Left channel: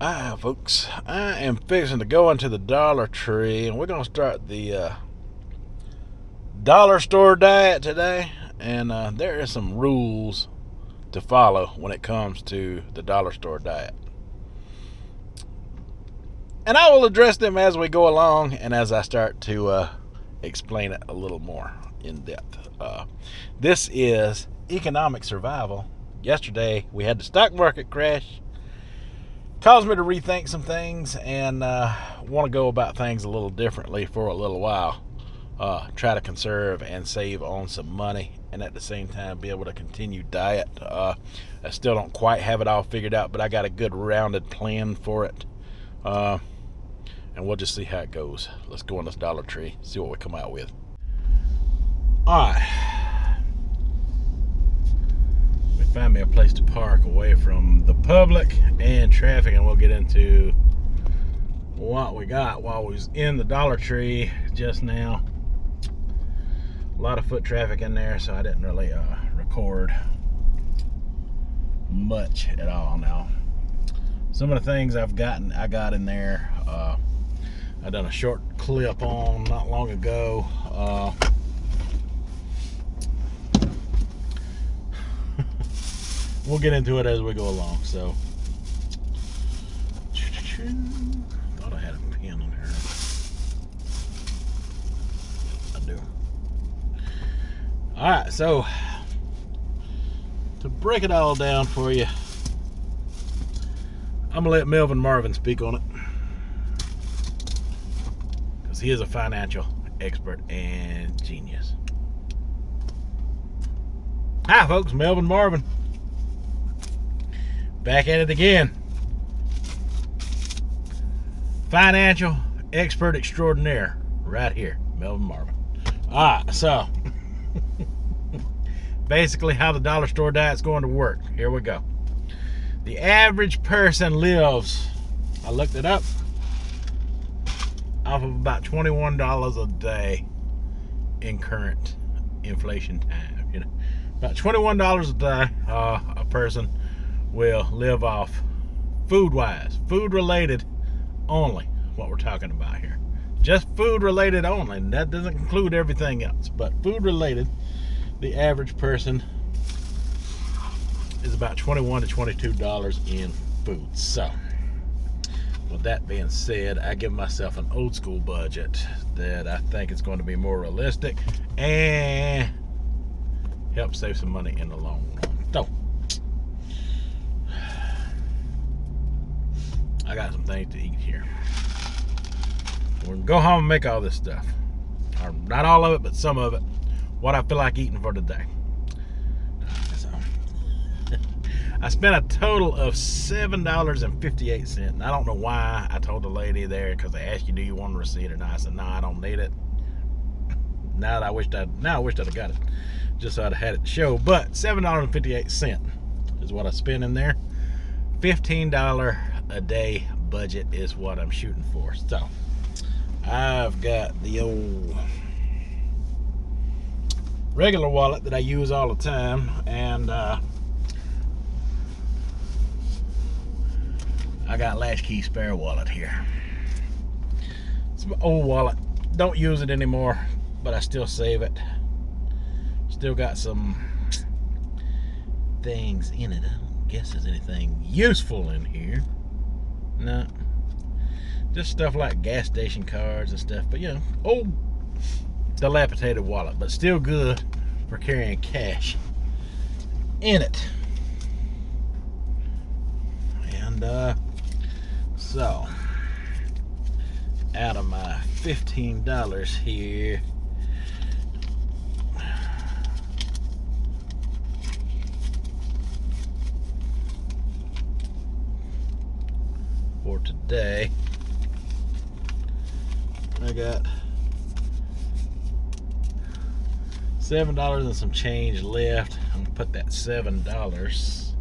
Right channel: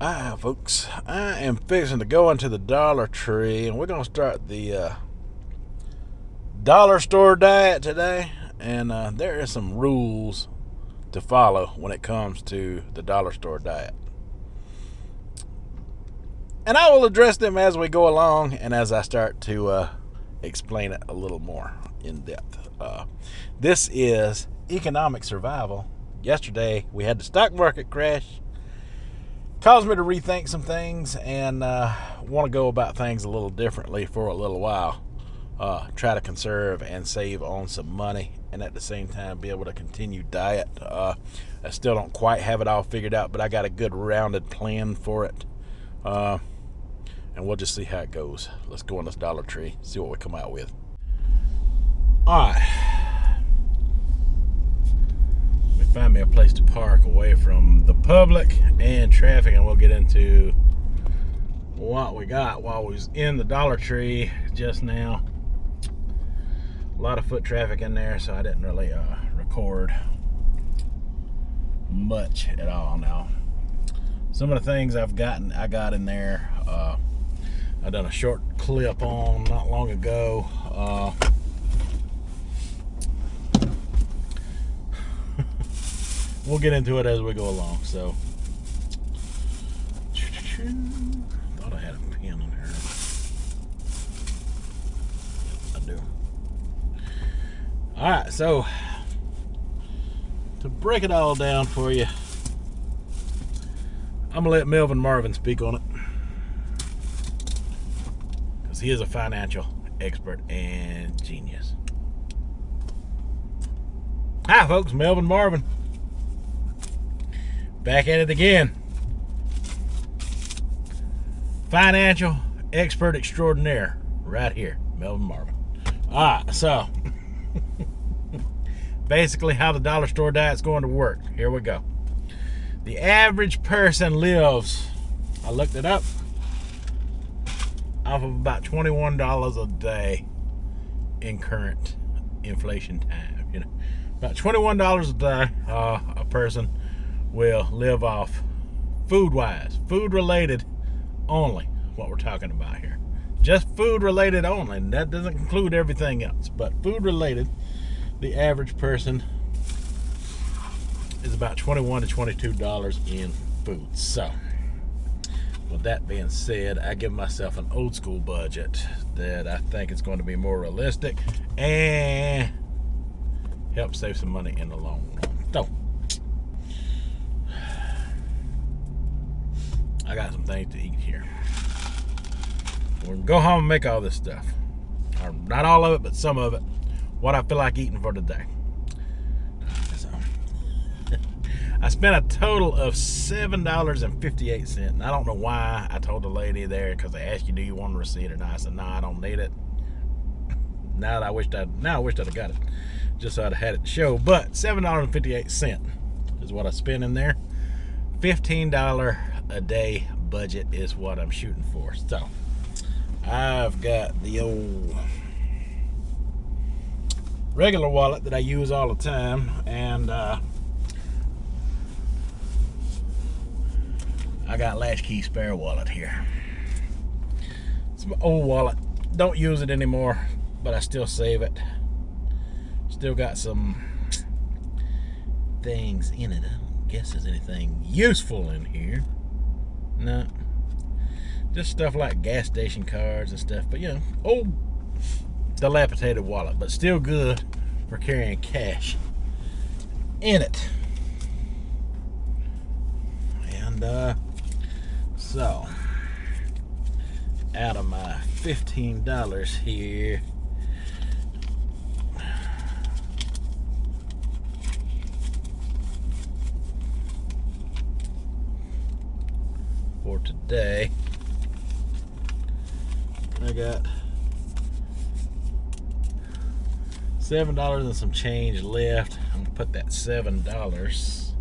Folks, I am fixing to go into the Dollar Tree, and we're going to start the dollar store diet today. And there are some rules to follow when it comes to the dollar store diet. And I will address them as we go along and as I start to explain it a little more in depth. This is economic survival. Yesterday, we had the stock market crash. Caused me to rethink some things and want to go about things a little differently for a little while. Try to conserve and save on some money, and at the same time be able to continue diet. I still don't quite have it all figured out, but I got a good rounded plan for it. And we'll just see how it goes. Let's go on this Dollar Tree, see what we come out with. Alright. Find me a place to park away from the public and traffic, and we'll get into what we got while we was in the Dollar Tree just now. A lot of foot traffic in there, so I didn't really record much at all. Now, some of the things I got in there, I done a short clip on not long ago. We'll get into it as we go along. So, thought I had a pen on here. I do. All right, so to break it all down for you, I'm gonna let Melvin Marvin speak on it because he is a financial expert and genius. Hi, folks, Melvin Marvin. Back at it again. Financial expert extraordinaire. Right here. Melvin Marvin. Alright, so basically how the dollar store diet's going to work. Here we go. The average person lives, I looked it up, off of about $21 a day in current inflation time. You know, about $21 a day, a person will live off food-wise, food-related only, what we're talking about here. Just food-related only, and that doesn't include everything else, but food-related, the average person is about $21 to $22 in food. So, with that being said, I give myself an old school budget that I think is going to be more realistic and help save some money in the long run. So, I got some things to eat here. We're going to go home and make all this stuff. Or not all of it, but some of it. What I feel like eating for today. So, I spent a total of $7.58. And I don't know why I told the lady there, because they asked you, do you want a receipt or not? I said, no, I don't need it. Now I wished I'd have got it. Just so I'd have had it to show. But $7.58 is what I spent in there. $15 a day budget is what I'm shooting for. So I've got the old regular wallet that I use all the time, and I got latchkey spare wallet here. It's my old wallet. Don't use it anymore, but I still save it. Still got some things in it. I don't guess there's anything useful in here. No, just stuff like gas station cards and stuff, but you know, old dilapidated wallet, but still good for carrying cash in it. And so out of my $15 here, for today, I got $7 and some change left. I'm gonna put that $7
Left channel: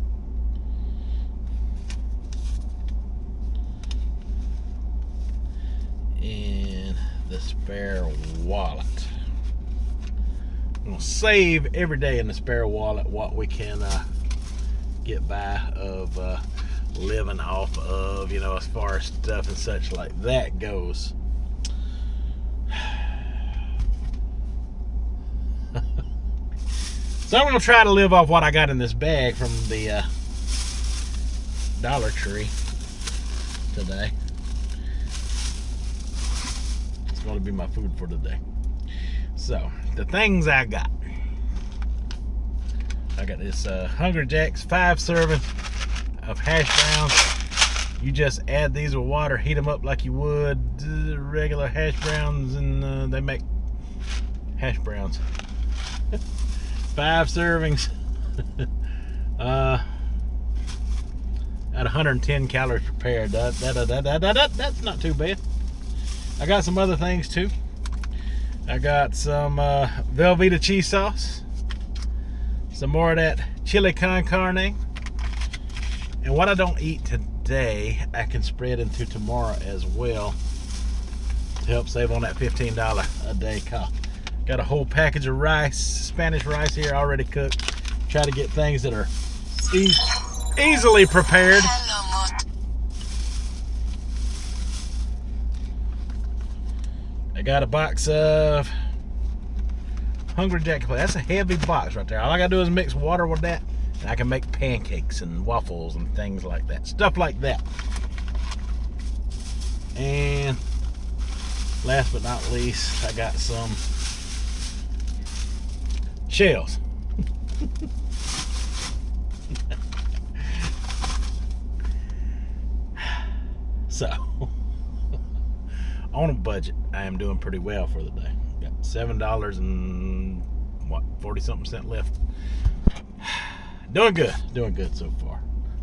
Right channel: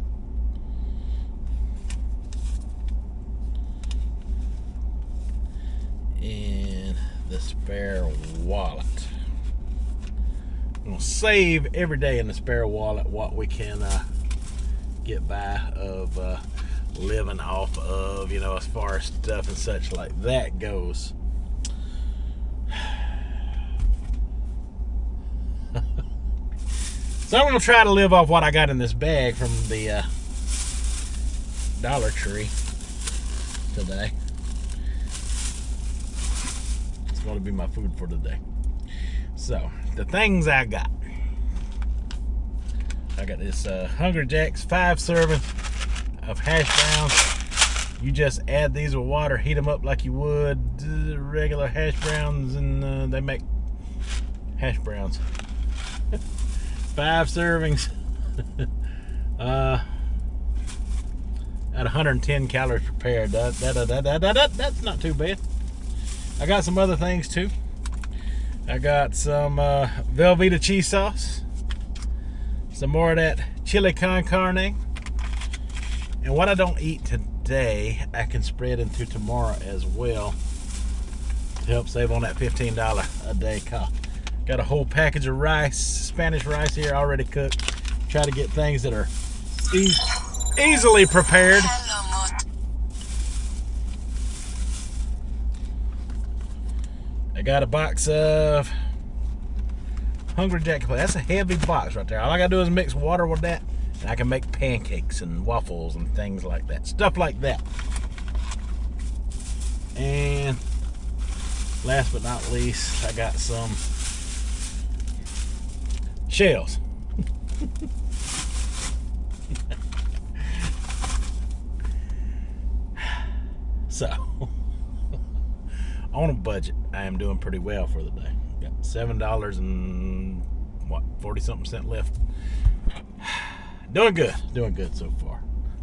in the spare wallet. I'm gonna save every day in the spare wallet what we can get by of living off of, you know, as far as stuff and such like that goes. So I'm going to try to live off what I got in this bag from the Dollar Tree today. It's going to be my food for today. So, the things I got this Hungry Jack's 5 serving of hash browns. You just add these with water, heat them up like you would regular hash browns, and they make hash browns. 5 servings at 110 calories prepared. That's not too bad. I got some other things too. I got some Velveeta cheese sauce, some more of that chili con carne, and what I don't eat today I can spread into tomorrow as well to help save on that $15 a day cost. Got a whole package of rice, Spanish rice here already cooked. Try to get things that are easily prepared. I got a box of Hungry Jack. That's a heavy box right there. All I gotta do is mix water with that, and I can make pancakes and waffles and things like that. Stuff like that. And last but not least, I got some shells. So, on a budget, I am doing pretty well for the day. Got $7 and 40-something cents left. Doing good so far.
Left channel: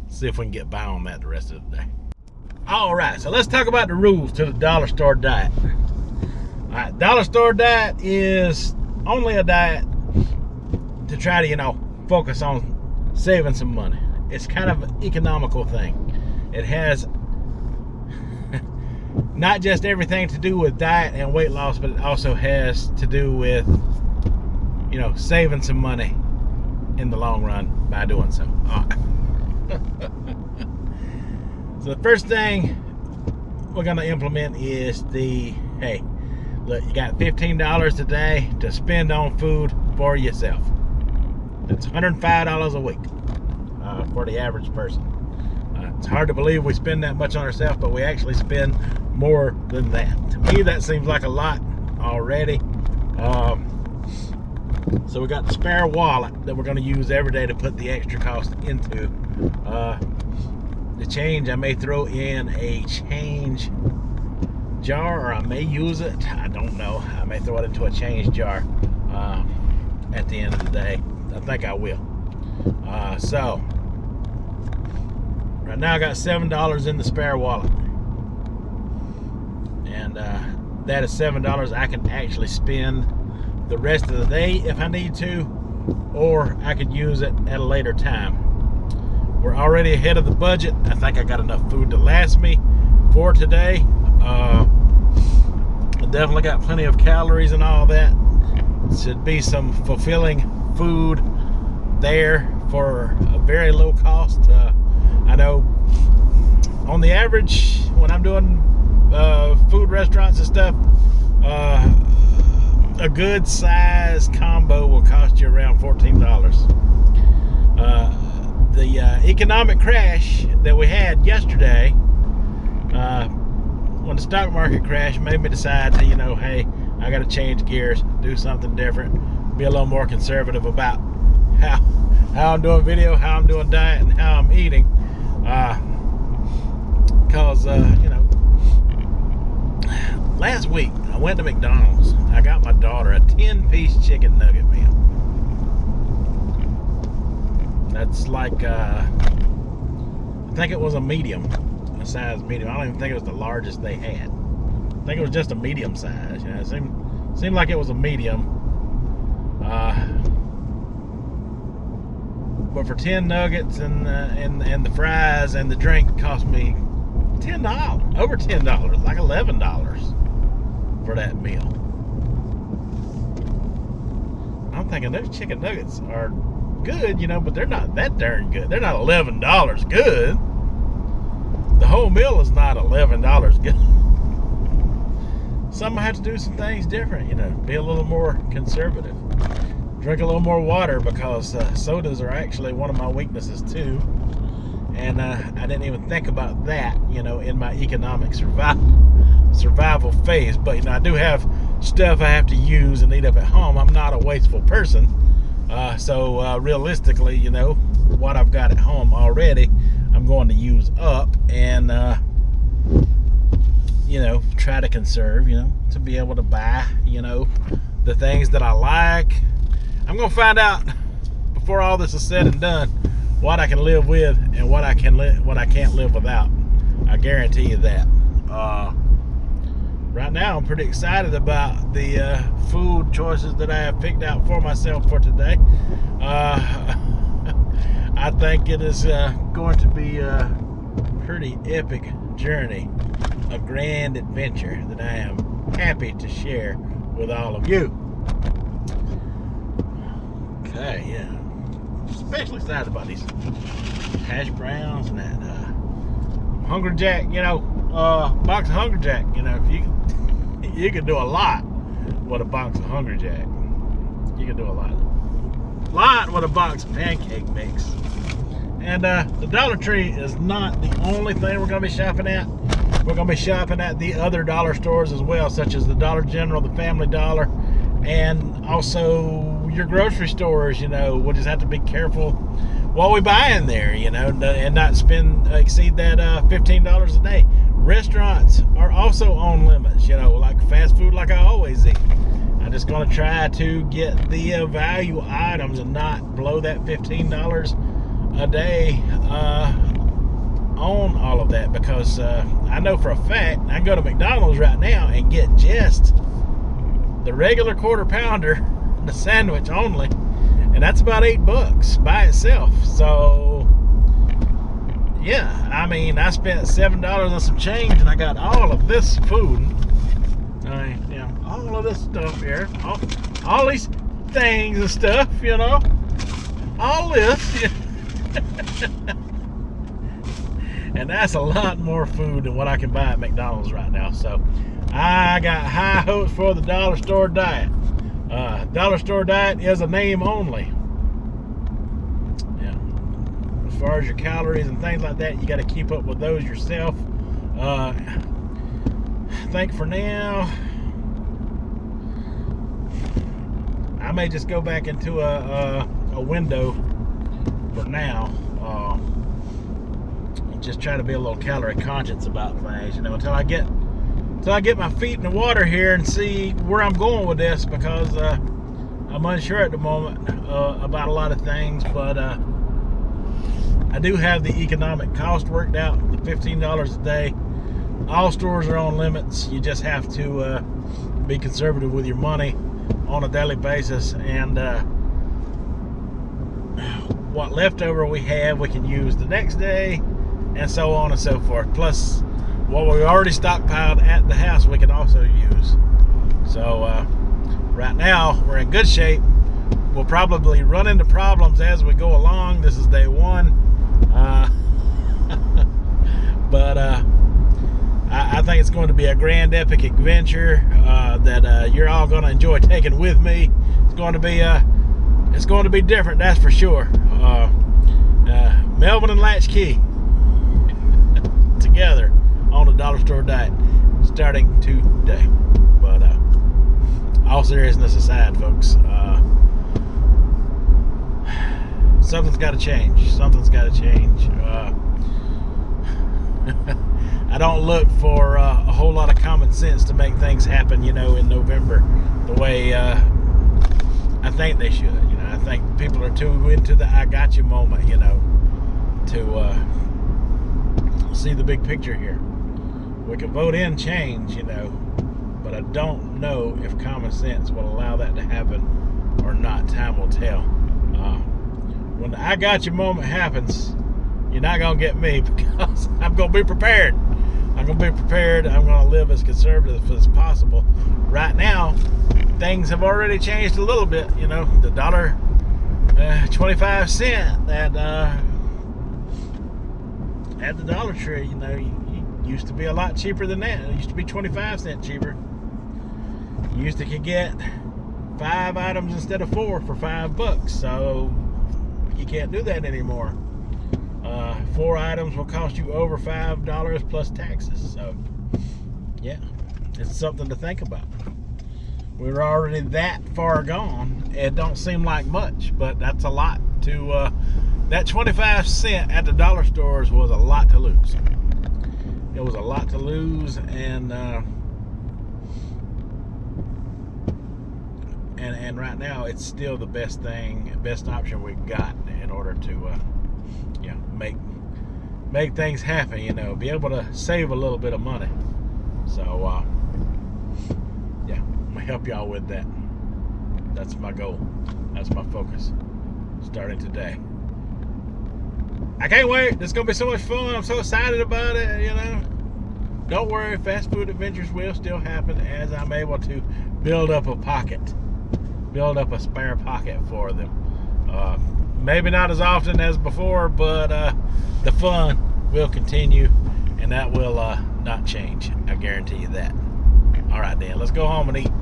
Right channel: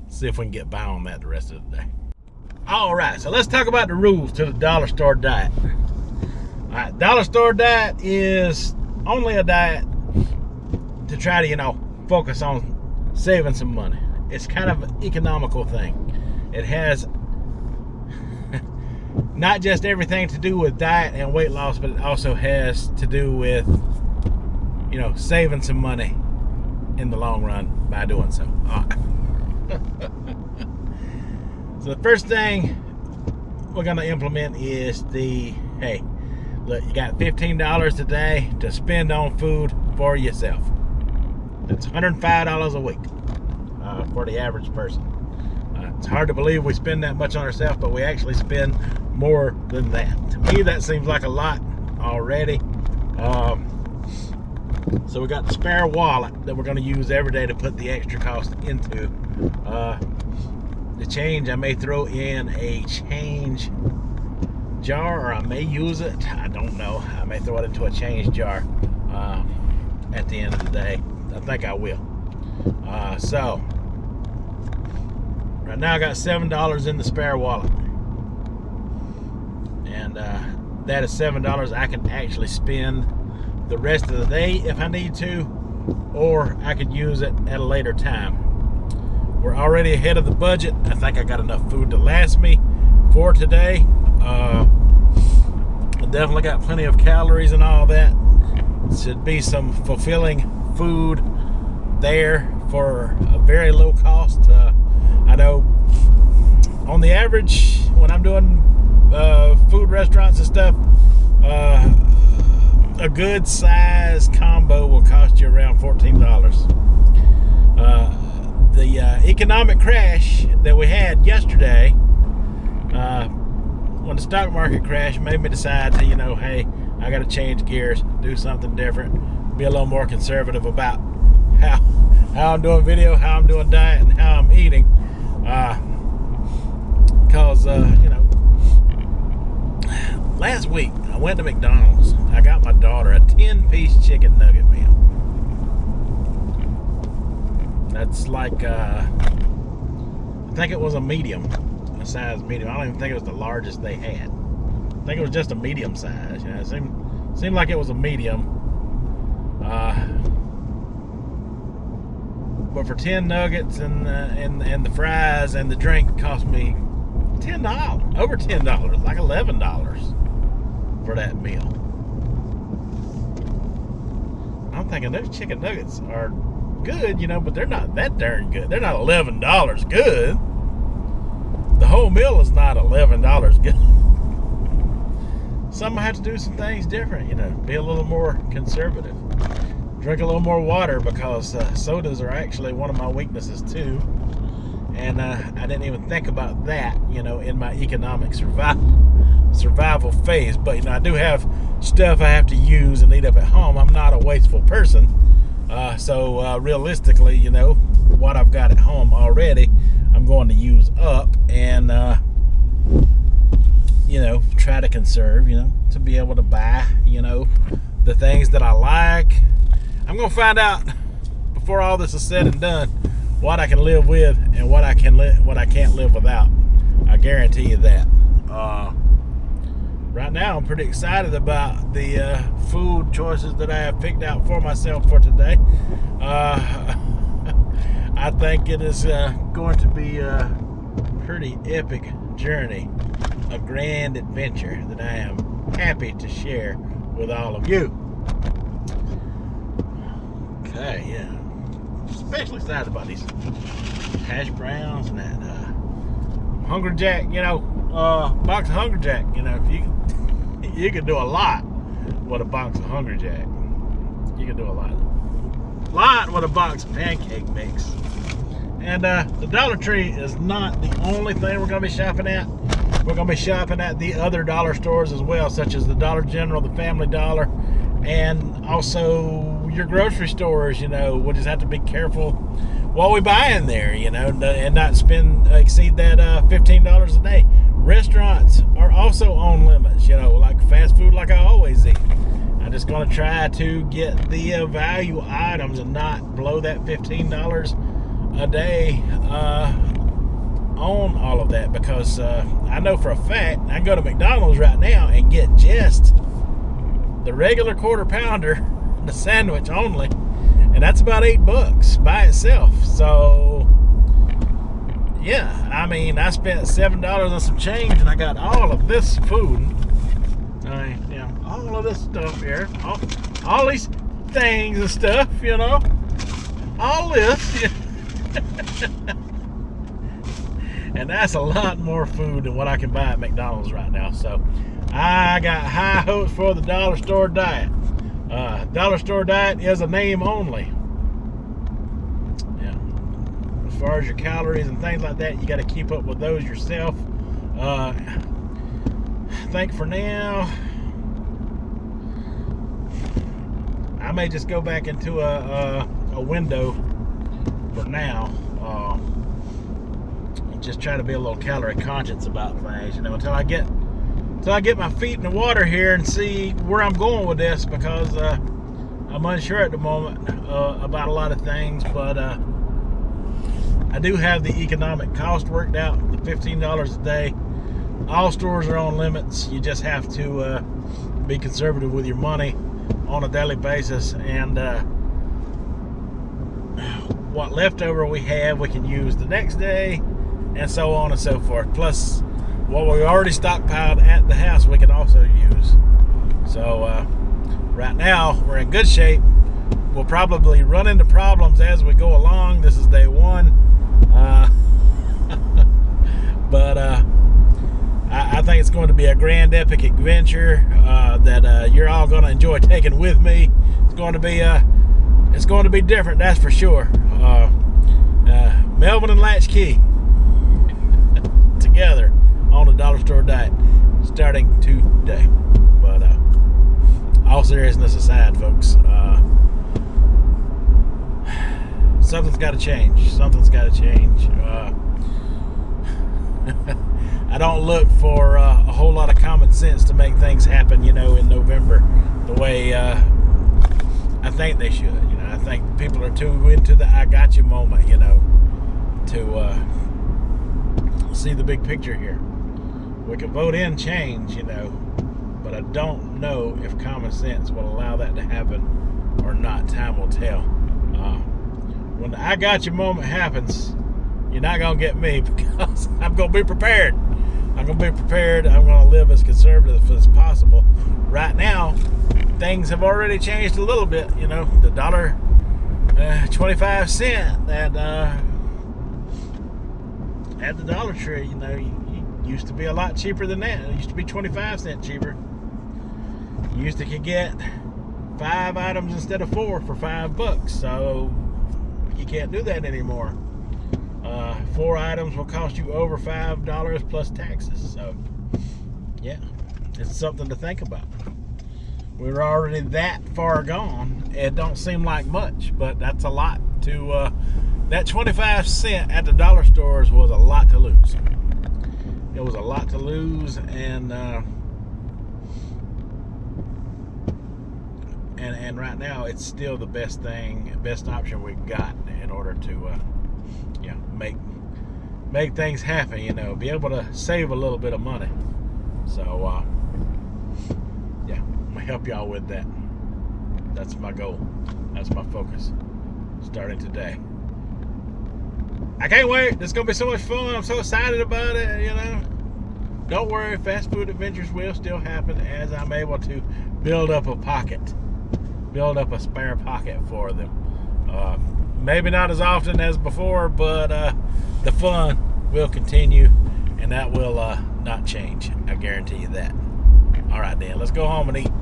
See if we can get by on that the rest of the day. All right, so let's talk about the rules to the dollar store diet. All right, dollar store diet is only a diet to try to, you know, focus on saving some money. It's kind of an economical thing. It has not just everything to do with diet and weight loss, but it also has to do with, you know, saving some money in the long run by doing so. All right. So the first thing we're going to implement is hey, look, you got $15 a day to spend on food for yourself. That's $105 a week for the average person. It's hard to believe we spend that much on ourselves, but we actually spend more than that. To me, that seems like a lot already. So we got the spare wallet that we're going to use every day to put the extra cost into. The change, I may throw in a change jar, or I may use it. I don't know. I may throw it into a change jar at the end of the day. I think I will. So right now I got $7 in the spare wallet, and that is $7 I can actually spend the rest of the day if I need to, or I could use it at a later time. We're already ahead of the budget. I think I got enough food to last me for today. I definitely got plenty of calories and all that. Should be some fulfilling food there for a very low cost. I know on the average when I'm doing food restaurants and stuff, a good size combo will cost you around $14. The economic crash that we had yesterday, when the stock market crashed, made me decide to, you know, hey, I got to change gears, do something different, be a little more conservative about how I'm doing video, how I'm doing diet, and how I'm eating. Because, you know, last week I went to McDonald's. I got my daughter a 10-piece chicken nugget meal. That's like, I think it was a medium, a size medium. I don't even think it was the largest they had. I think it was just a medium size. You know, it seemed like it was a medium. But for 10 nuggets and the fries and the drink cost me $10, over $10, like $11 for that meal. I'm thinking those chicken nuggets are good, you know, but they're not that darn good. They're not $11 good. the whole meal is not $11. Some have to do some things different, you know, be a little more conservative. Drink a little more water, because sodas are actually one of my weaknesses too. And I didn't even think about that, you know, in my economic survival phase. But, you know, I do have stuff I have to use and eat up at home. I'm not a wasteful person. So realistically, you know, what I've got at home already, I'm going to use up and, you know, try to conserve, you know, to be able to buy, you know, the things that I like. I'm going to find out before all this is said and done what I can live with and what I can't live without. I guarantee you that. Right now, I'm pretty excited about the food choices that I have picked out for myself for today. I think it is going to be a pretty epic journey, a grand adventure that I am happy to share with all of you. Okay, yeah. Especially excited about these hash browns and that Hungry Jack, you know, box of Hungry Jack. You know, you can do a lot with a box of Hungry Jack. You can do a lot with a box of pancake mix. And the Dollar Tree is not the only thing we're going to be shopping at. We're going to be shopping at the other dollar stores as well, such as the Dollar General, the Family Dollar, and also your grocery stores. You know, we'll just have to be careful what we buy in there, you know, and not exceed that $15 a day. Restaurants are also on limits, you know, like fast food, like I always eat. I'm just going to try to get the value items and not blow that $15 a day on all of that, because I know for a fact I can go to McDonald's right now and get just the regular quarter pounder, the sandwich only, and that's about $8 by itself. So yeah, I mean, I spent $7 on some change and I got all of this food. Yeah, all of this stuff here, all these things and stuff, you know, all this. Yeah. And that's a lot more food than what I can buy at McDonald's right now. So I got high hopes for the dollar store diet. Dollar store diet is a name only. Yeah. As far as your calories and things like that, you got to keep up with those yourself. I think for now, I may just go back into a window for now. Just try to be a little calorie conscious about things, you know, until I get my feet in the water here and see where I'm going with this, because I'm unsure at the moment about a lot of things. But I do have the economic cost worked out, the $15 a day. All stores are on limits. You just have to be conservative with your money on a daily basis, and what leftover we have we can use the next day, and so on and so forth. Plus what we already stockpiled at the house we can also use. So right now we're in good shape. We'll probably run into problems as we go along. This is day one. But I think it's going to be a grand epic adventure that you're all going to enjoy taking with me. It's going to be different, that's for sure. Melvin and Latchkey together on the dollar store diet starting today. But all seriousness aside, folks, something's got to change. I don't look for a whole lot of common sense to make things happen, you know, in November the way I think they should. You know, I think people are too into the I got you moment, you know, to see the big picture here. We can vote in change, you know, but I don't know if common sense will allow that to happen or not. Time will tell. When the I got you moment happens, you're not going to get me, because I'm going to be prepared. I'm going to live as conservative as possible. Right now, things have already changed a little bit. You know, the $1.25 that at the Dollar Tree, you know, it used to be a lot cheaper than that. It used to be 25 cents cheaper. You used to could get 5 items instead of 4 for $5. So you can't do that anymore. 4 items will cost you over $5 plus taxes. So yeah, it's something to think about. We're already that far gone. It don't seem like much, but that's a lot to that 25 cent at the dollar stores was a lot to lose. It was a lot to lose, and right now it's still the best option we've got in order to make things happen, you know, be able to save a little bit of money. So yeah, I'm gonna help y'all with that. That's my goal. That's my focus starting today. I can't wait. It's gonna be so much fun. I'm so excited about it, you know. Don't worry, fast food adventures will still happen as I'm able to build up a spare pocket for them. Maybe not as often as before, but the fun will continue, and that will not change. I guarantee you that. All right, then, let's go home and eat.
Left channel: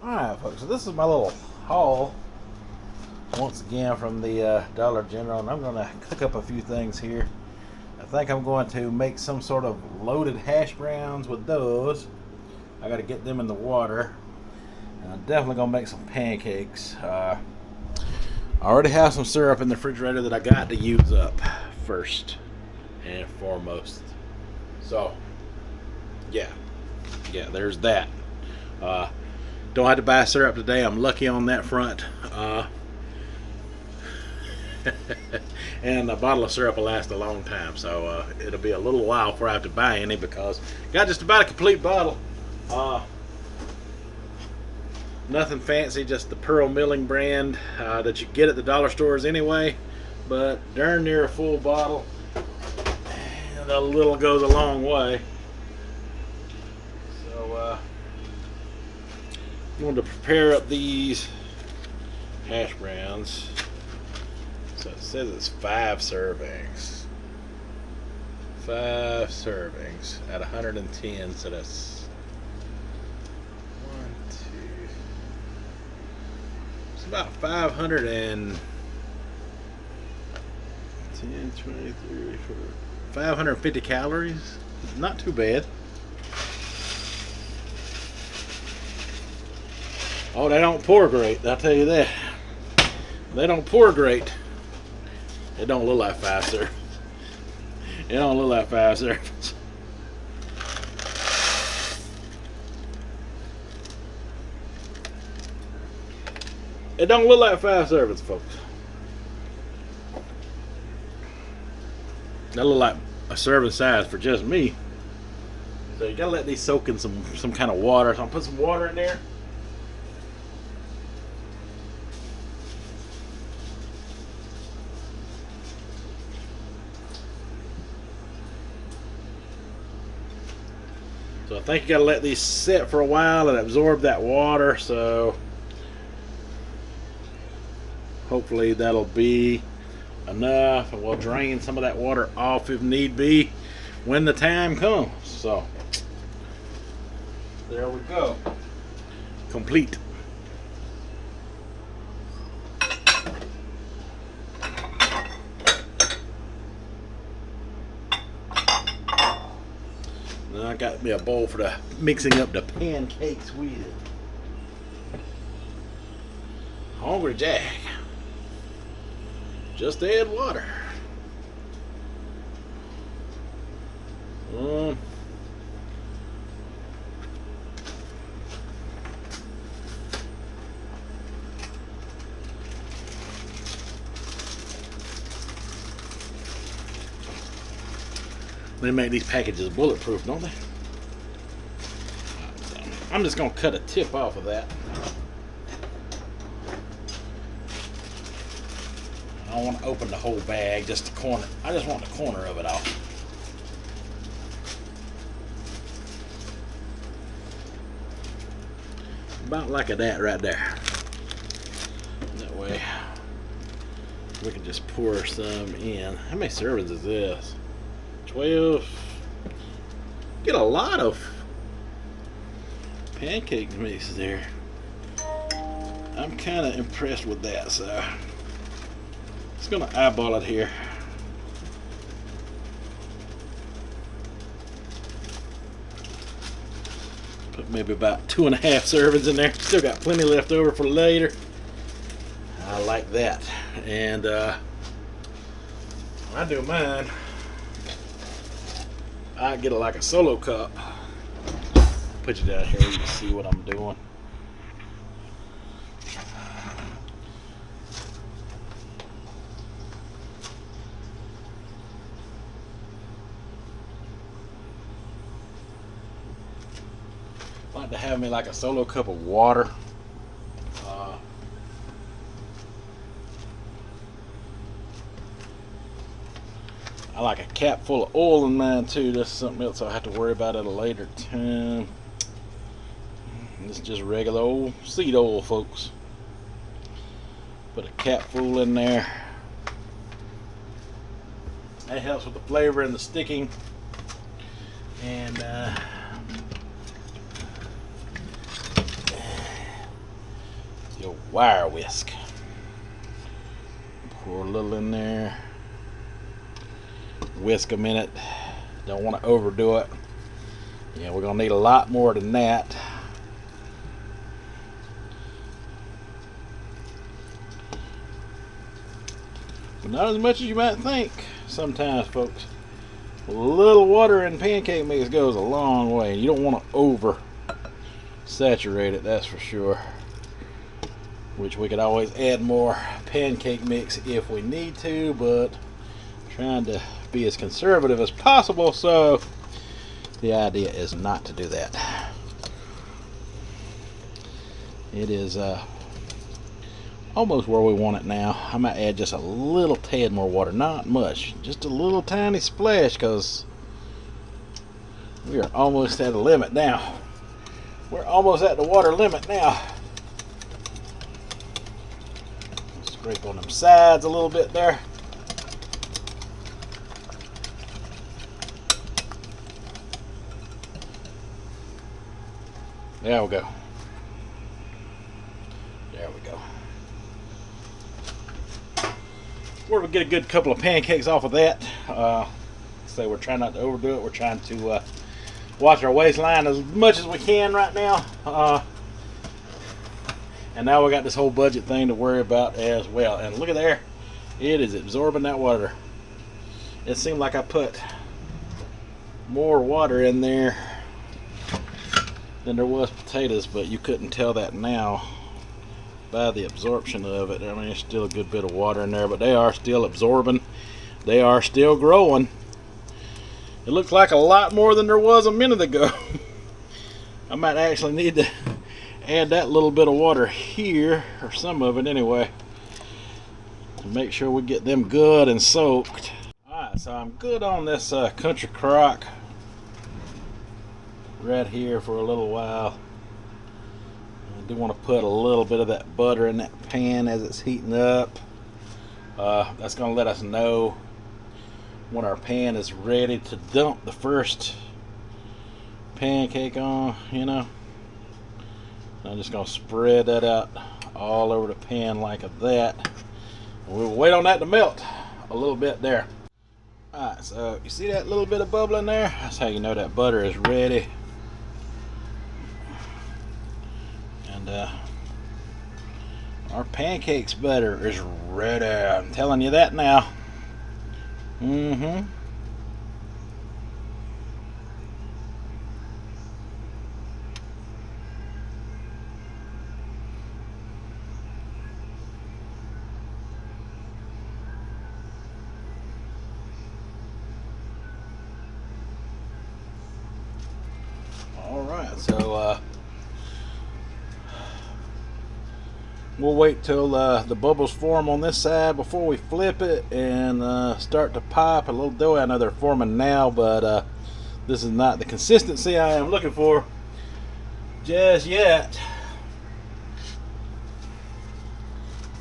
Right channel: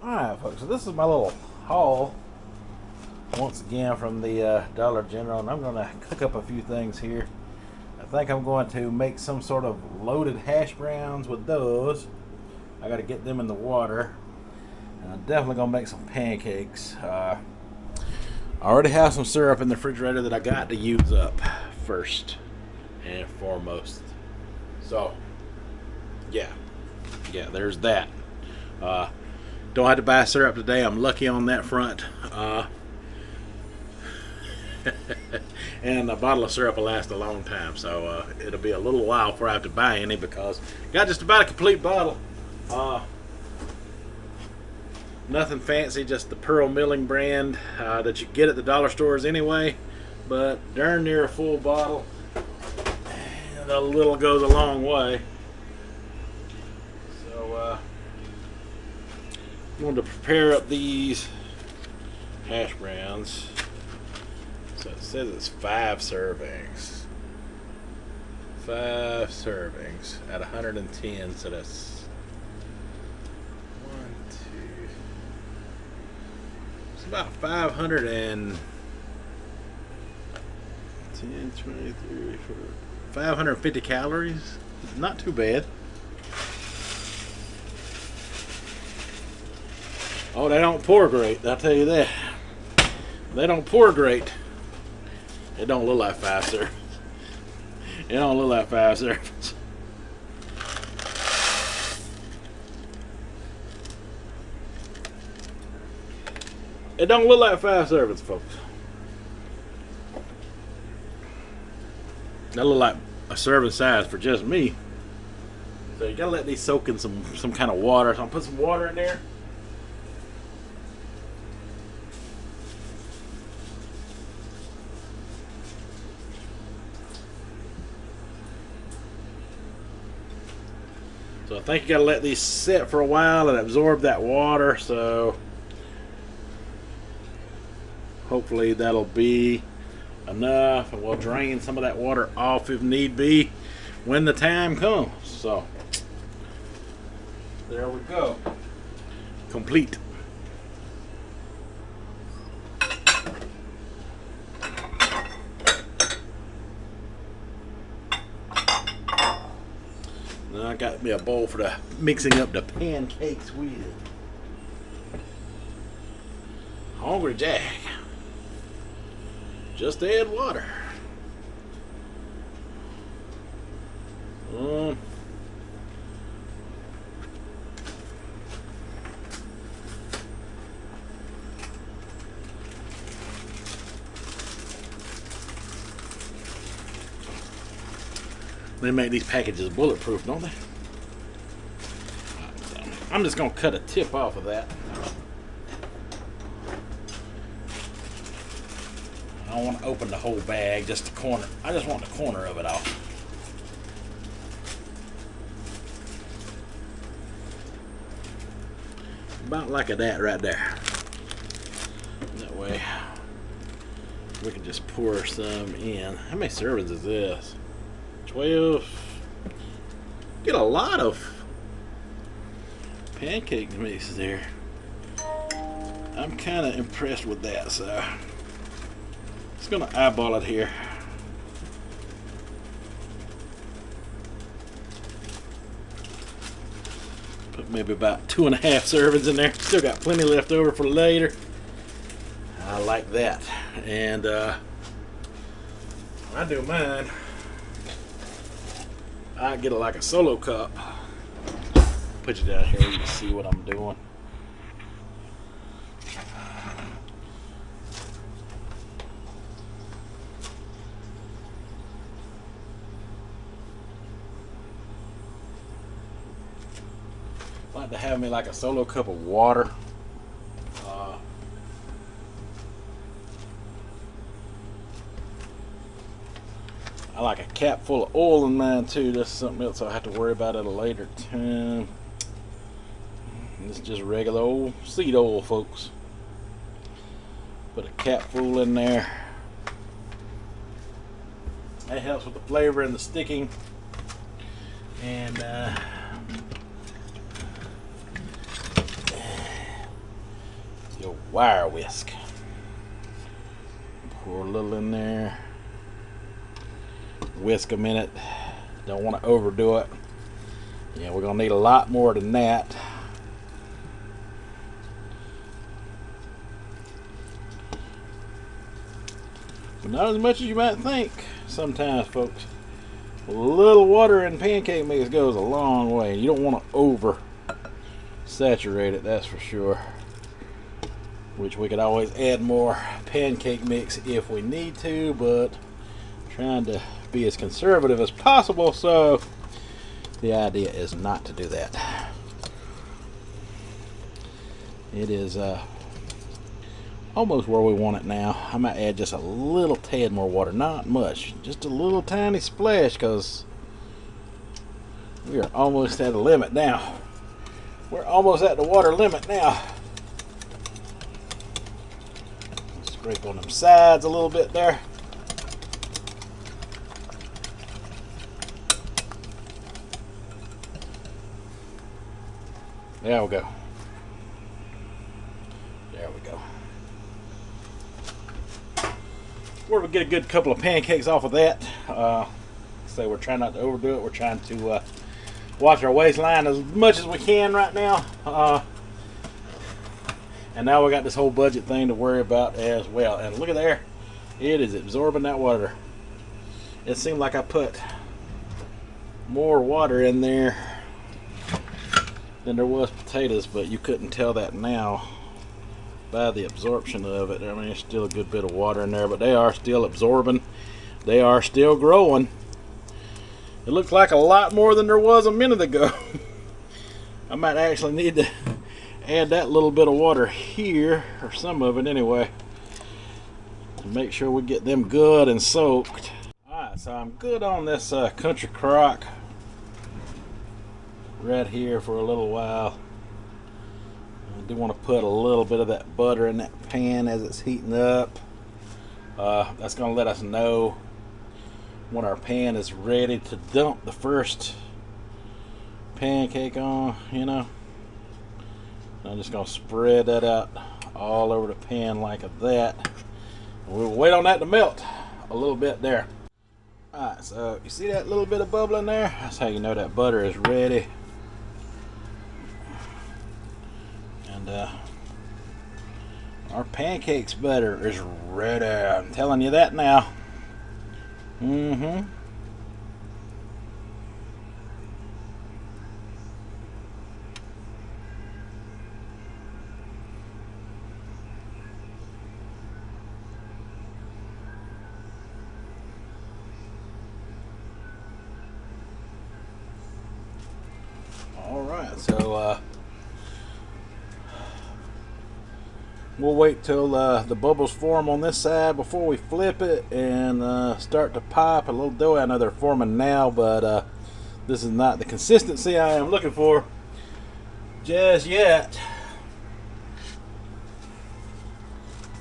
All right, folks, so this is my little haul once again from the Dollar General, and I'm going to cook up a few things here. I think I'm going to make some sort of loaded hash browns with those. I got to get them in the water. And I'm definitely going to make some pancakes. I already have some syrup in the refrigerator that I got to use up first and foremost. So, yeah, there's that. Don't have to buy syrup today. I'm lucky on that front. And a bottle of syrup will last a long time, so it'll be a little while before I have to buy any, because got just about a complete bottle. Nothing fancy, just the Pearl Milling brand that you get at the dollar stores anyway, but darn near a full bottle, and a little goes a long way. So I'm going to prepare up these hash browns. So it says it's 5 servings. 5 servings at 110, so that's 1, 2. It's about 510, 20, 30, 40, 550 calories. Not too bad. Oh, they don't pour great, I'll tell you that. They don't pour great. It don't look like 5 servings. It don't look like 5 servings. It don't look like 5 servings, folks. That look like a serving size for just me. So you gotta let these soak in some kind of water. So I'll put some water in there. So I think you gotta let these sit for a while and absorb that water, so hopefully that'll be enough, and we'll drain some of that water off if need be when the time comes. So there we go. Complete. Now I got me a bowl for the mixing up the pancakes with. Hungry Jack. Just add water. They make these packages bulletproof, don't they? I'm just gonna cut a tip off of that. I don't want to open the whole bag, just the corner. I just want the corner of it off. About like that right there. That way We can just pour some in. How many servings is this? 12. Get a lot of pancake mix there. I'm kind of impressed with that, so just gonna eyeball it here. Put maybe about 2.5 servings in there. Still got plenty left over for later. I like that. And I do mine. I get it like a solo cup. Put you down here, you can see what I'm doing. I like to have me like a solo cup of water. I like a cap full of oil in mine too. That's something else I'll have to worry about at a later time. This is just regular old seed oil, folks. Put a cap full in there. That helps with the flavor and the sticking. And your wire whisk. Pour a little in there. Whisk a minute. Don't want to overdo it. Yeah, we're gonna need a lot more than that. But not as much as you might think sometimes, folks. A little water in pancake mix goes a long way. You don't want to over saturate it, that's for sure. Which we could always add more pancake mix if we need to, but I'm trying to be as conservative as possible, so the idea is not to do that. It is almost where we want it now. I might add just a little tad more water, not much, just a little tiny splash, because we are almost at the limit now. We're almost at the water limit now. Scrape on them sides a little bit there. There we go. There we go. We're gonna get a good couple of pancakes off of that. So we're trying not to overdo it. We're trying to watch our waistline as much as we can right now. And now we got this whole budget thing to worry about as well. And look at there, it is absorbing that water. It seemed like I put more water in there than there was potatoes, but you couldn't tell that now by the absorption of it. I mean, there's still a good bit of water in there, but they are still absorbing. They are still growing. It looks like a lot more than there was a minute ago. I might actually need to add that little bit of water here, or some of it anyway, to make sure we get them good and soaked. Alright, so I'm good on this country crock right here for a little while. I do want to put a little bit of that butter in that pan as it's heating up. That's going to let us know when our pan is ready to dump the first pancake on, you know. I'm just going to spread that out all over the pan like that. We'll wait on that to melt a little bit there. Alright, so you see that little bit of bubbling there? That's how you know that butter is ready. And our pancakes butter is ready. I'm telling you that now. Alright, so we'll wait till the bubbles form on this side before we flip it and start to pop a little dough. I know they're forming now, but this is not the consistency I am looking for just yet.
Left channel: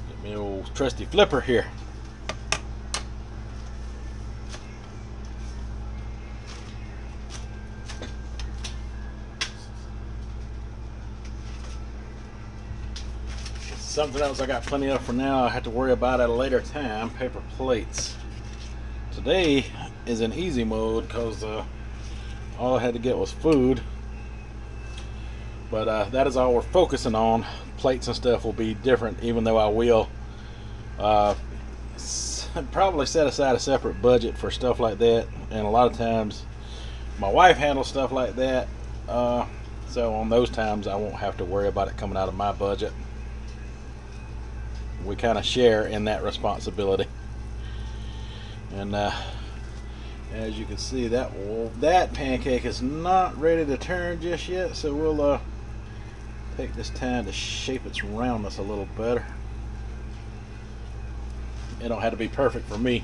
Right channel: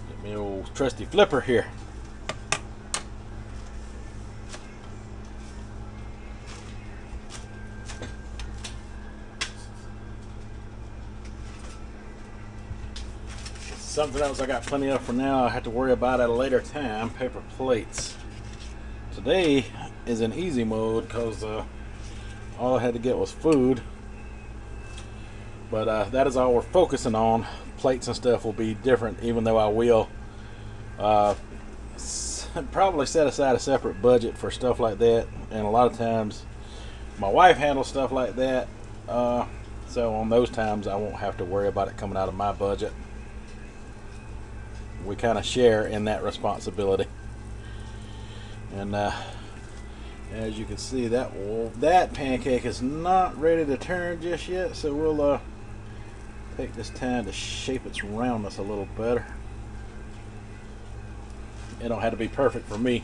Get me an old trusty flipper here. Something else I got plenty of for now. I have to worry about at a later time. Paper plates. Today is in easy mode because all I had to get was food. But that is all we're focusing on. Plates and stuff will be different, even though I will probably set aside a separate budget for stuff like that. And a lot of times my wife handles stuff like that, so on those times I won't have to worry about it coming out of my budget. We kind of share in that responsibility. And as you can see, that pancake is not ready to turn just yet, so we'll take this time to shape its roundness a little better. It don't have to be perfect for me.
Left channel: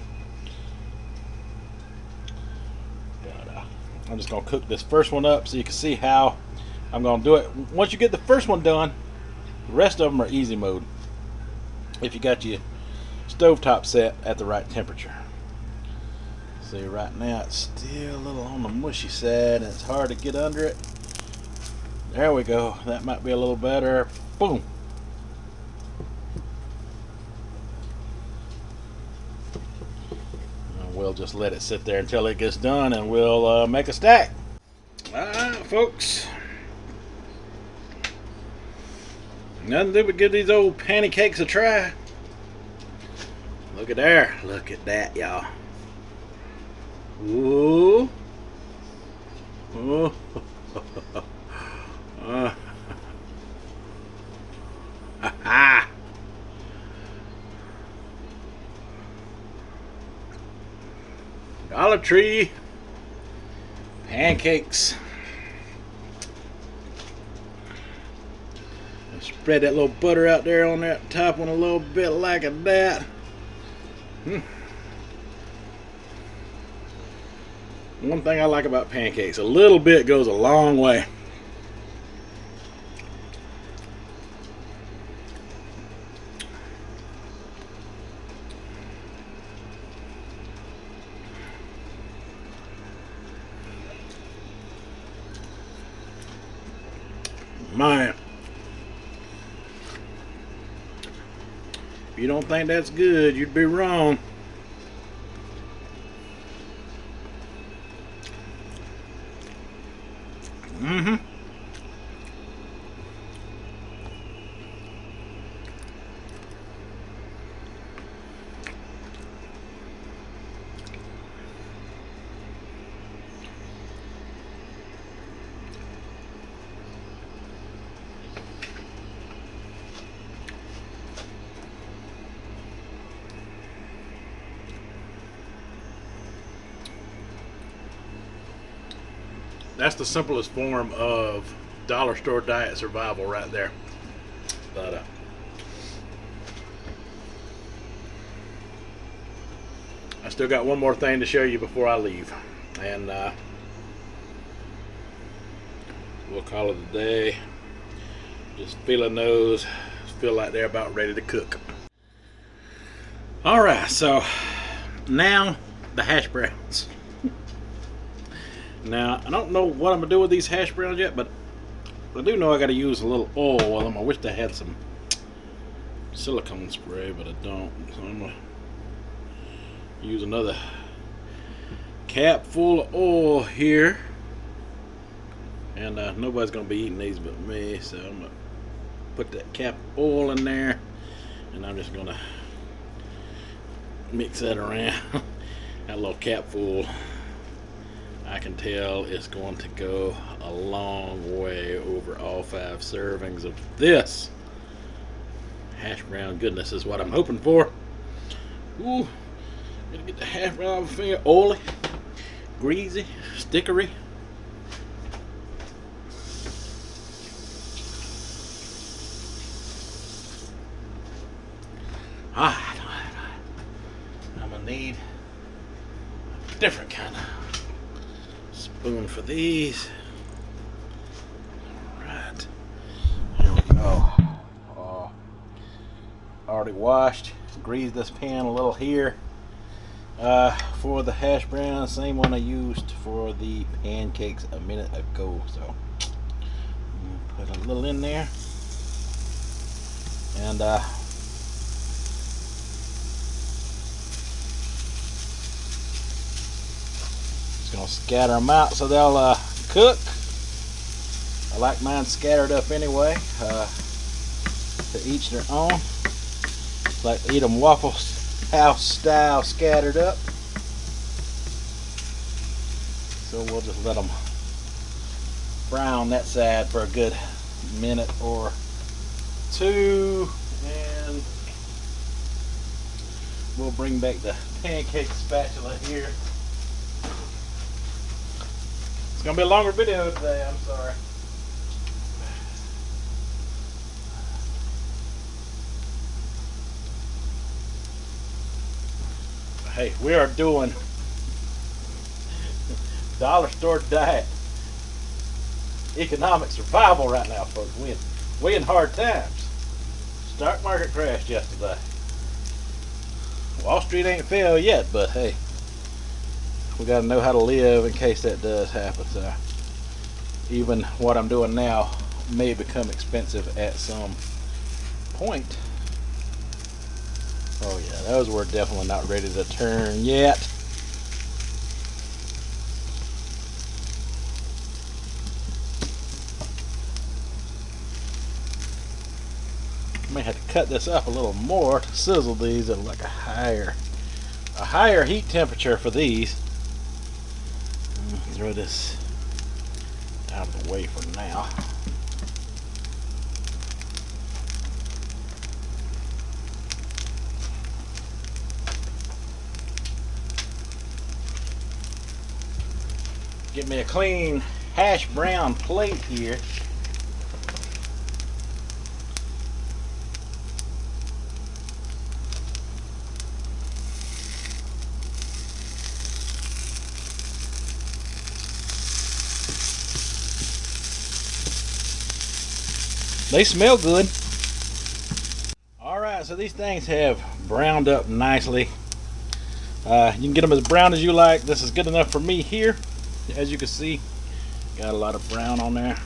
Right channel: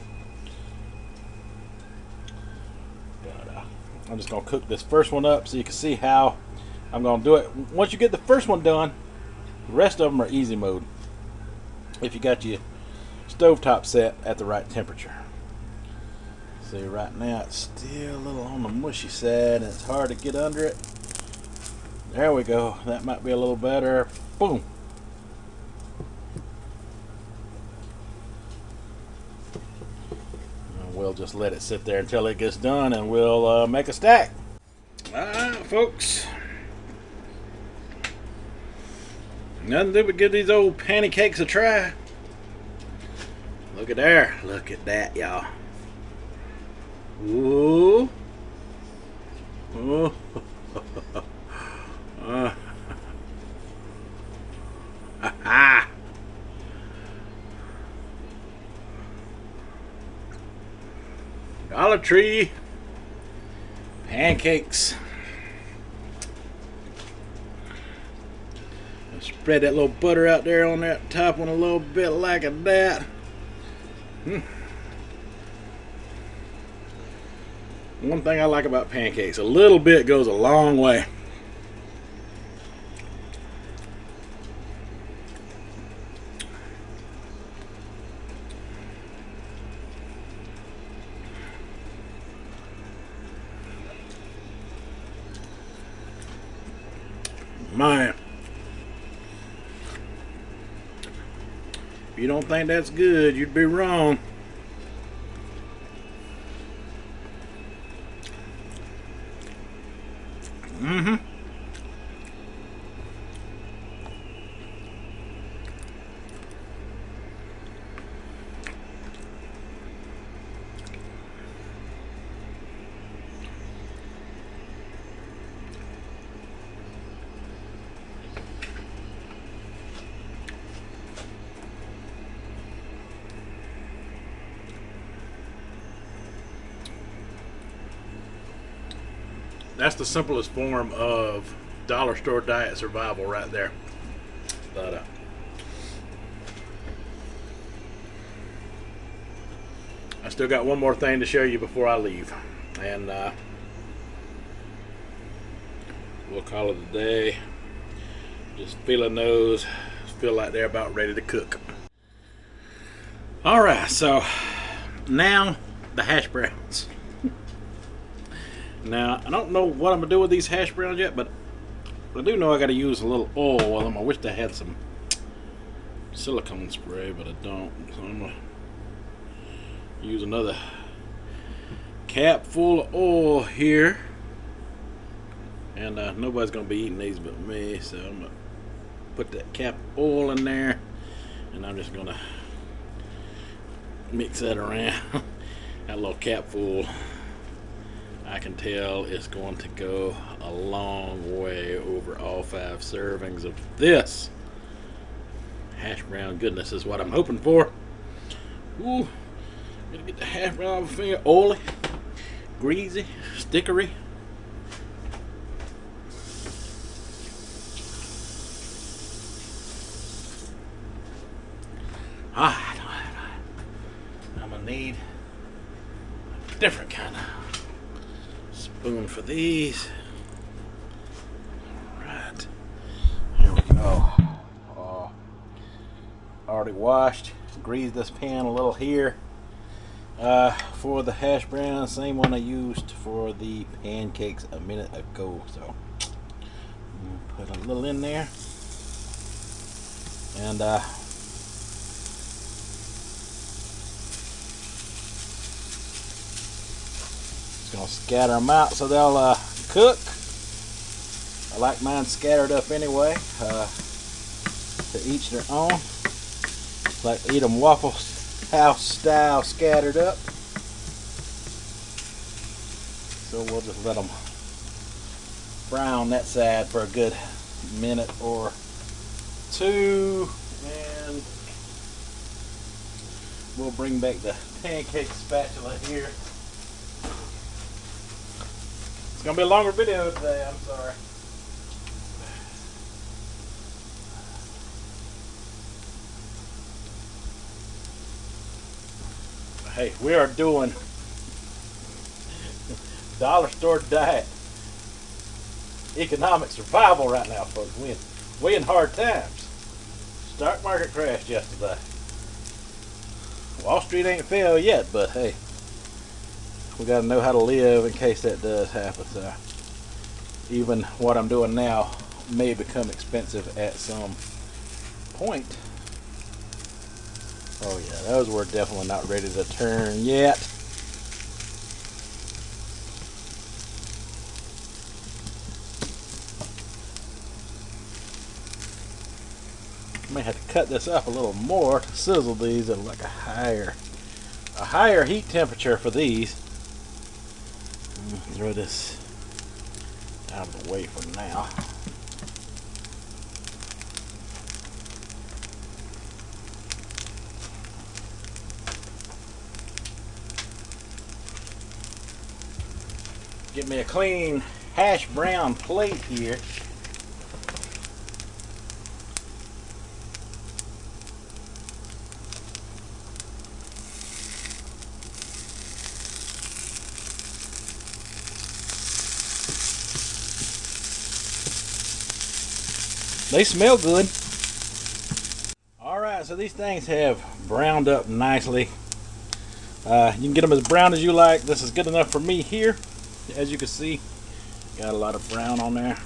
But I'm just going to cook this first one up so you can see how I'm going to do it. Once you get the first one done, the rest of them are easy mode, if you got your stovetop set at the right temperature. See, right now it's still a little on the mushy side and it's hard to get under it. There we go. That might be a little better. Boom. And we'll just let it sit there until it gets done, and we'll make a stack. Alright, folks. Nothing to but give these old pancakes a try. Look at there. Look at that, y'all. Ooh. Ooh. Dollar Tree pancakes. Spread that little butter out there on that top one a little bit like that. One thing I like about pancakes, a little bit goes a long way. Man, if you don't think that's good, you'd be wrong. That's the simplest form of dollar store diet survival right there. But I still got one more thing to show you before I leave, and we'll call it a day. Just feeling those, feel like they're about ready to cook. Alright, so now the hash browns. Now, I don't know what I'm going to do with these hash browns yet, but I do know I got to use a little oil with them. I wish I had some silicone spray, but I don't. So I'm going to use another cap full of oil here. And nobody's going to be eating these but me, so I'm going to put that cap of oil in there, and I'm just going to mix that around. That little cap full, I can tell it's going to go a long way over all 5 servings of this hash brown goodness is what I'm hoping for. Ooh, gonna get the hash brown off my finger. Oily, greasy, stickery. Alright, I'm gonna need a different kind of spoon for these. Alright, here we go. Already washed, greased this pan a little here for the hash brown, same one I used for the pancakes a minute ago. So put a little in there. And just gonna scatter them out so they'll cook. I like mine scattered up anyway. To each their own. Like to eat them Waffle House style scattered up. So we'll just let them fry on that side for a good minute or two, and we'll bring back the pancake spatula here. It's gonna be a longer video today, I'm sorry. Hey, we are doing dollar store diet, economic survival right now, folks. We in hard times. Stock market crashed yesterday. Wall Street ain't fell yet, but hey, we gotta know how to live in case that does happen. So even what I'm doing now may become expensive at some point. Oh yeah, those were definitely not ready to turn yet. May have to cut this up a little more to sizzle these at like a higher heat temperature for these. Throw this out of the way for now. Get me a clean hash brown plate here. They smell good. Alright, so these things have browned up nicely. You can get them as brown as you like. This is good enough for me here. As you can see, got a lot of brown on there.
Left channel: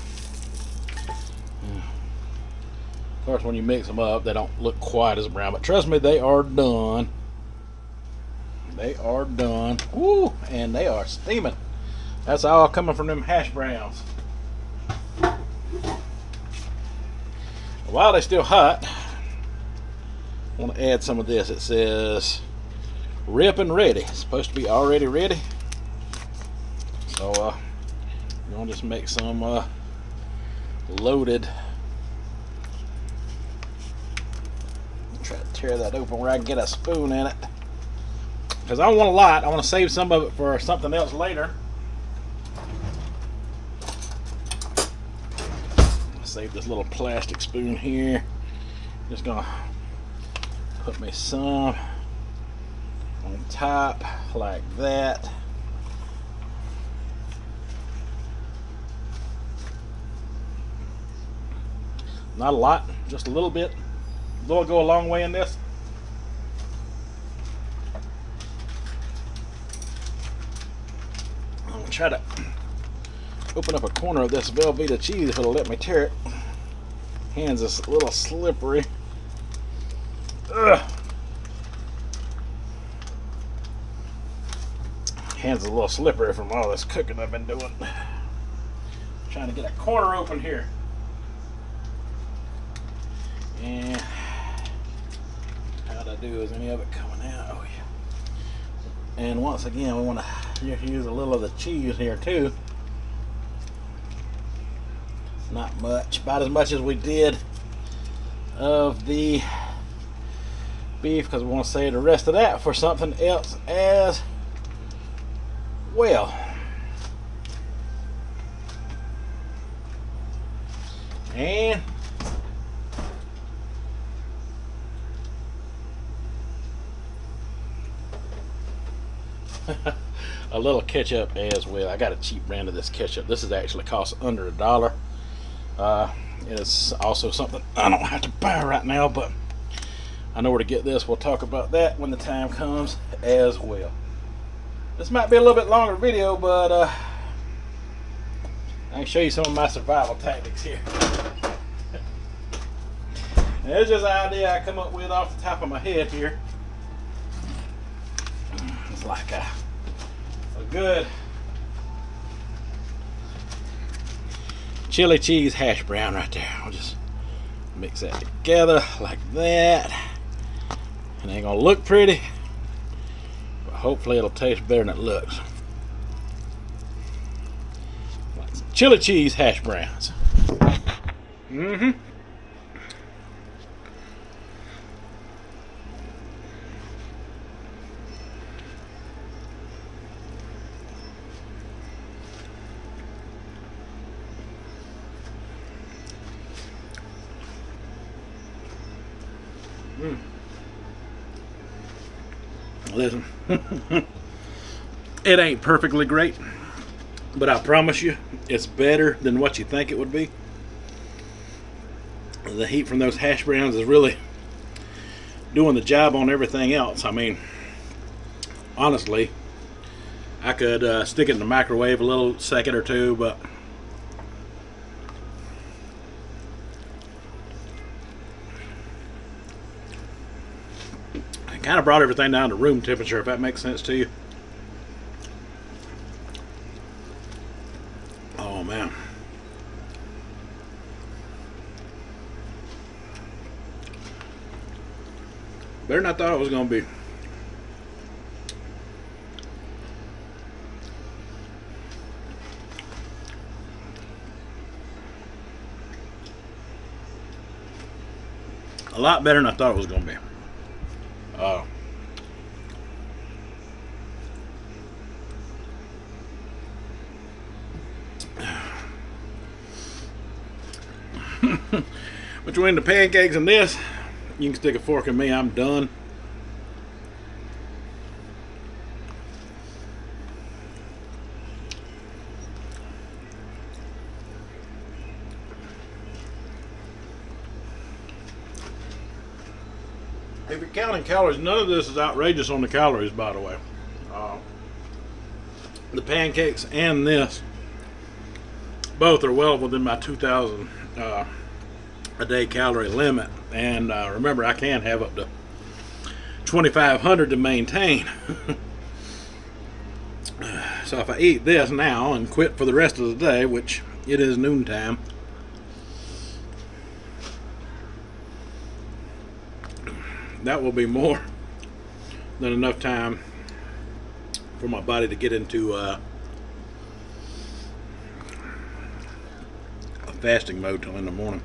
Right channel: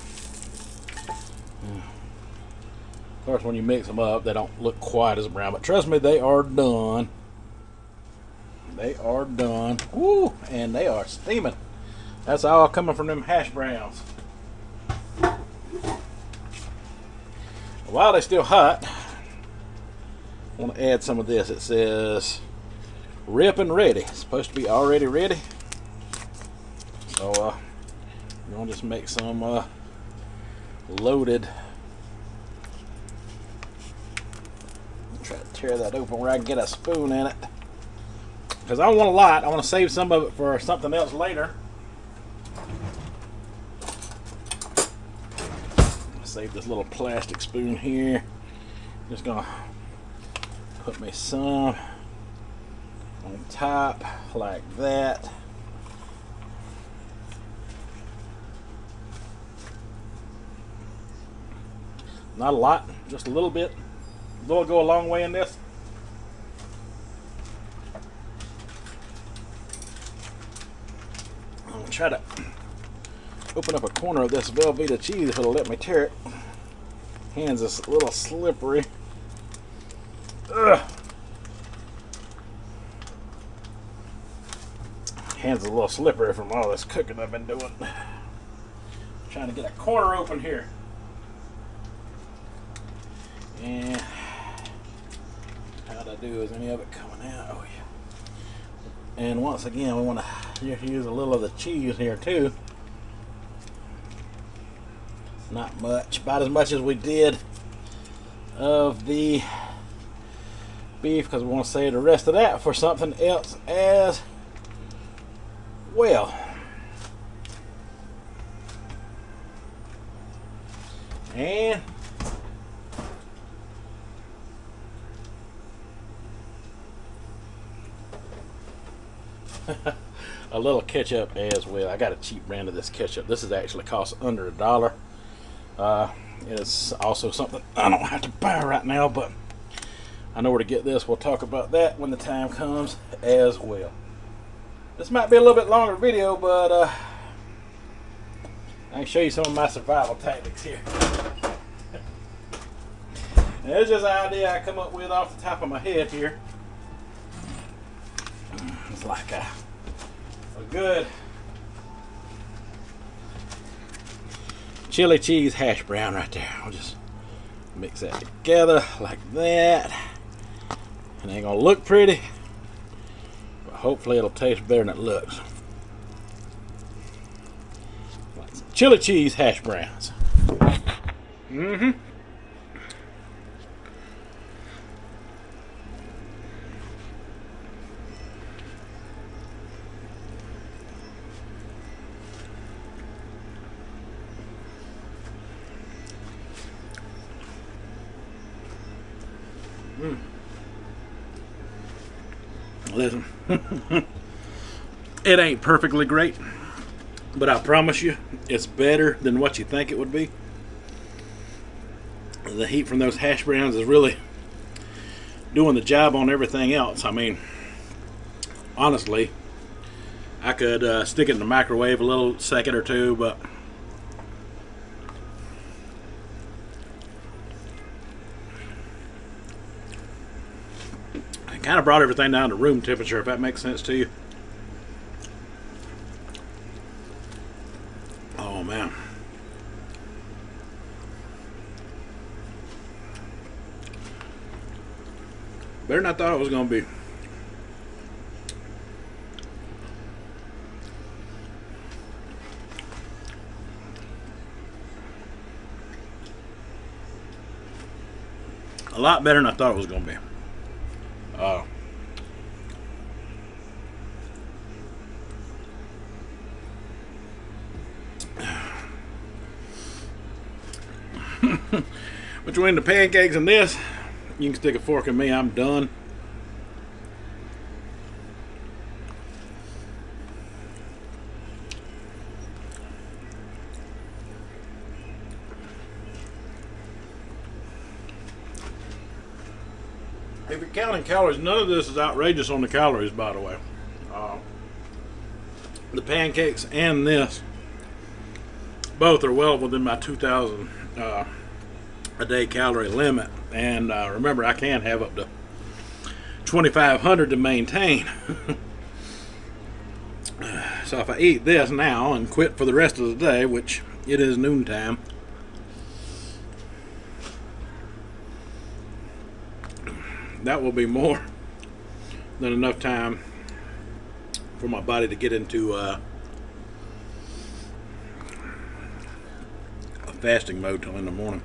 Of course, when you mix them up, they don't look quite as brown, but trust me, they are done. They are done. Woo! And they are steaming. That's all coming from them hash browns. While they're still hot, I want to add some of this. It says rip and ready. It's supposed to be already ready. So we're going to just make some loaded. Try to tear that open where I can get a spoon in it. Because I don't want a lot. I want to save some of it for something else later. Save this little plastic spoon here. Just going to put me some on top like that. Not a lot, just a little bit. Will go a long way in this. I'm gonna try to open up a corner of this Velveeta cheese if it'll let me tear it. Hands is a little slippery. Ugh. Hands is a little slippery from all this cooking I've been doing. Trying to get a corner open here. And how'd I do? Is any of it coming out? Oh yeah. And once again, we want to use a little of the cheese here too. Not much, about as much as we did of the beef, because we want to save the rest of that for something else as well. And a little ketchup as well. I got a cheap brand of this ketchup. This is actually cost under $1. It's also something I don't have to buy right now, but I know where to get this. We'll talk about that when the time comes as well. This might be a little bit longer video, but I can show you some of my survival tactics here. There's just an idea I come up with off the top of my head here. It's like a good chili cheese hash brown right there. I'll just mix that together like that. It ain't gonna look pretty, but hopefully it'll taste better than it looks. Like some chili cheese hash browns. Mm-hmm. Listen, it ain't perfectly great, but I promise you, it's better than what you think it would be. The heat from those hash browns is really doing the job on everything else. I mean, honestly, I could stick it in the microwave a little second or two, but kind of brought everything down to room temperature, if that makes sense to you. Oh man. Better than I thought it was going to be. A lot better than I thought it was going to be. Between the pancakes and this, you can stick a fork in me. I'm done. If you're counting calories, none of this is outrageous on the calories, by the way. The pancakes and this both are well within my 2,000 a day calorie limit, and remember, I can have up to 2,500 to maintain. So if I eat this now and quit for the rest of the day, which it is noontime, that will be more than enough time for my body to get into a fasting mode till in the morning.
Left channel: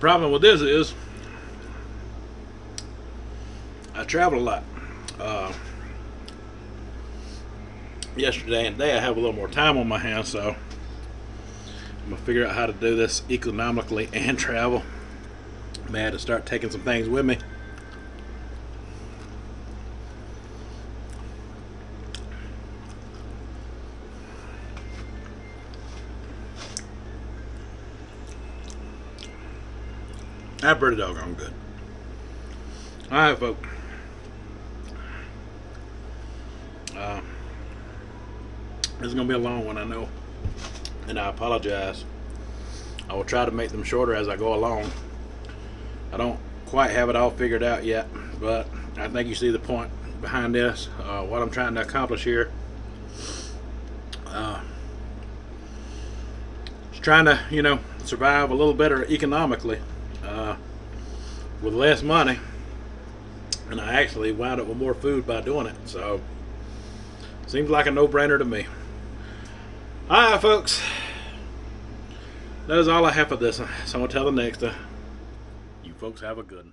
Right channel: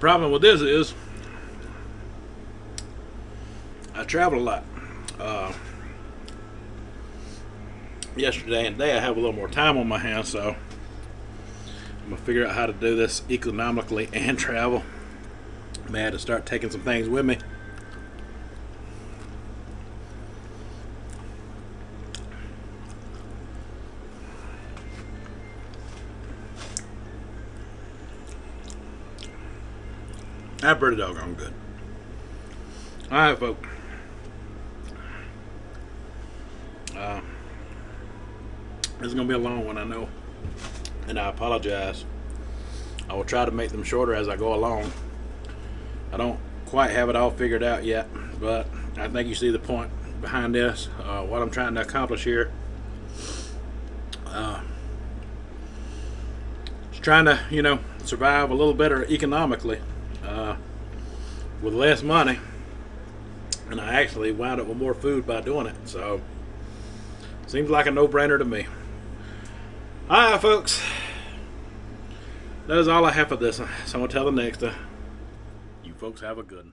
Problem with this is I travel a lot. Yesterday and today I have a little more time on my hands, so I'm gonna figure out how to do this economically and travel. I may have to start taking some things with me. That's pretty doggone good. Alright, folks. This is going to be a long one, I know. And I apologize. I will try to make them shorter as I go along. I don't quite have it all figured out yet, but I think you see the point behind this. What I'm trying to accomplish here. Just trying to, survive a little better economically. With less money, and I actually wound up with more food by doing it, so seems like a no-brainer to me. Alright, folks, that is all I have for this, so I'm going to tell the next you folks have a good one.